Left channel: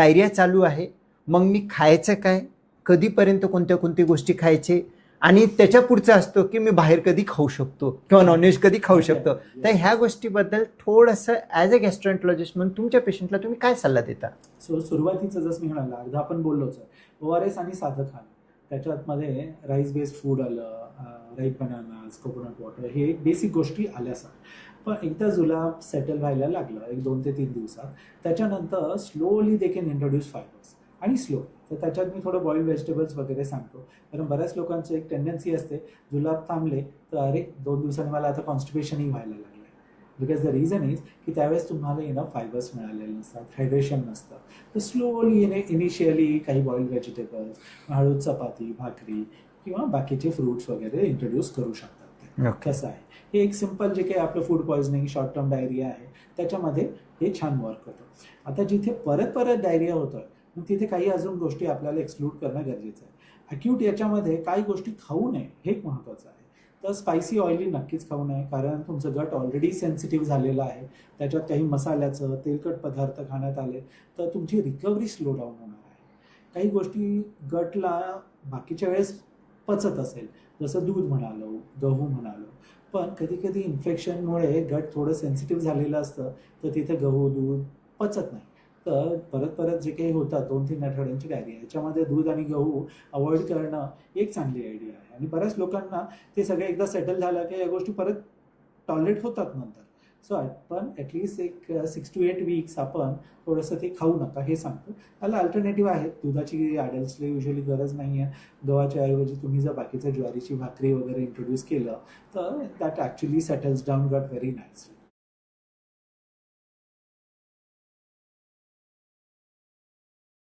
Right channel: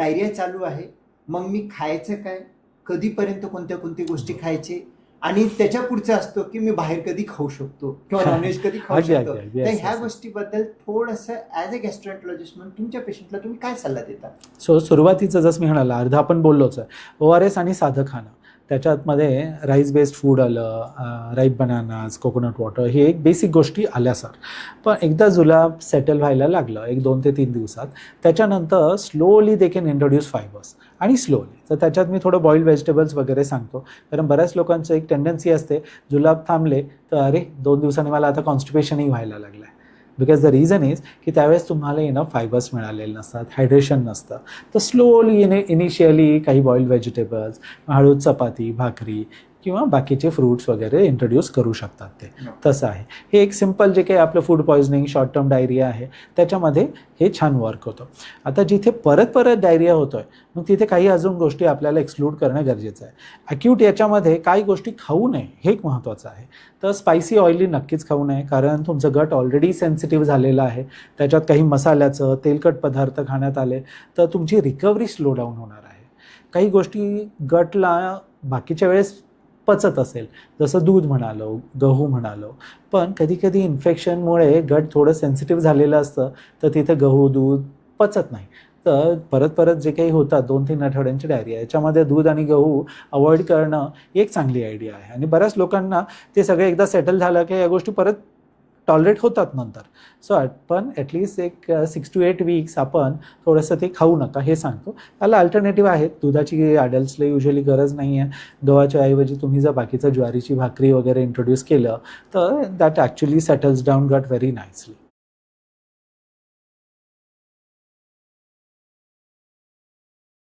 Diarrhoea चालू आहे, मग मी खायचं काय, कधीपर्यंत कोणत्या कोणत्या गोष्टी खायचे, आणि त्याच्या पुढचं असतो की मी बाहेर कधी खाऊ शकतो किंवा नॉनव्हेज कधी खाऊ अगदी, शकतो. अगदी. तर Yes, ह्या yes. गोष्टीबद्दल थोडंसं ॲज अ गॅस्ट्रोएंटरोलॉजिस्ट म्हणून तुमच्या पेशंटला तुम्ही काय सल्ला देता? सो सुरुवातीचं जसं मी म्हणाला अर्धा आपण बोललोच आहे. ORS आणि साधं खाणं, त्याच्यामध्ये राईस बेस्ड फूड आलं, राईप बनानाज, कोकोनट वॉटर, हे एक बेसिक गोष्टी आल्या सर. पण एकदा जुलाब सेटल व्हायला लागलं 1-2 ते 3 दिवसात, त्याच्यानंतर slowly they can introduce fibres आणि स्लोली. तर त्याच्यात मी थोडं बॉइल्ड व्हेजिटेबल्स वगैरे सांगतो, कारण बऱ्याच लोकांचं एक टेंडन्सी असते जुलाब थांबले तर अरे 2 दिवसांनी मला आता कॉन्स्टिपेशनही व्हायला लागलं आहे. बिकॉज द रिझन इज की त्यावेळेस तुम्हाला इनफ फायबर्स मिळालेले नसतात, हायड्रेशन नसतं. तर स्लोली इनिशियली काही बॉइल्ड व्हेजिटेबल्स, हळूद चपाती, भाकरी किंवा बाकीचे फ्रूट्स वगैरे इंट्रोड्यूस करू शकतात ते. तसं आहे. हे एक सिम्पल जे काही आपलं food poisoning, short term diarrhoea आहे त्याच्यामध्ये हे छान वर्क होतं. आता जिथे परत परत डायरिया होतो आहे मग तिथे काही अजून गोष्टी आपल्याला एक्सक्लूड करणं गरजेचं आहे. ॲक्यूट याच्यामध्ये काही गोष्टी खाऊ नये हे एक महत्त्वाचं आहे. तर स्पायसी ऑइली नक्कीच खाऊ नये, कारण तुमचं गट ऑलरेडी सेन्सिटिव्ह झालेलं आहे. त्याच्यात काही मसाल्याचं तेलकट पदार्थ खाण्यात आले तर तुमची रिकव्हरी स्लो डाऊन होणार आहे. काही गोष्टी गटला बाकीच्या वेळेस पचत असेल, जसं दूध म्हणालो, गहू म्हणालो, पण कधीकधी इन्फेक्शनमुळे गट थोडं सेन्सिटिव्ह झालेलं असतं तर तिथे गहू, दूध पचत नाही. तर परत परत जे काही होतात 2-3 आठवड्यांची डायरिया, याच्यामध्ये दूध आणि गहू अवॉइड करणं एक चांगली आयडिया आहे. आणि बऱ्याच लोकांना ते सगळे एकदा सेटल झालं की या गोष्टी परत टॉलरेट होतात नंतर. सो पण ॲटलिस्ट एक 6 to 8 वीक्स आपण थोडंसं ते खाऊ नका हे सांगतो. त्याला अल्टरनेटिव्ह आहेत. दुधाची अडल्ट्सला युजली गरज नाही आहे. गव्हाच्या ऐवजी तुम्ही जर बाकीचं ज्वारीची भाकरी वगैरे इंट्रोड्यूस केलं तर दॅट ॲक्च्युली सेटल्स डाऊन गट व्हेरी नाईसली.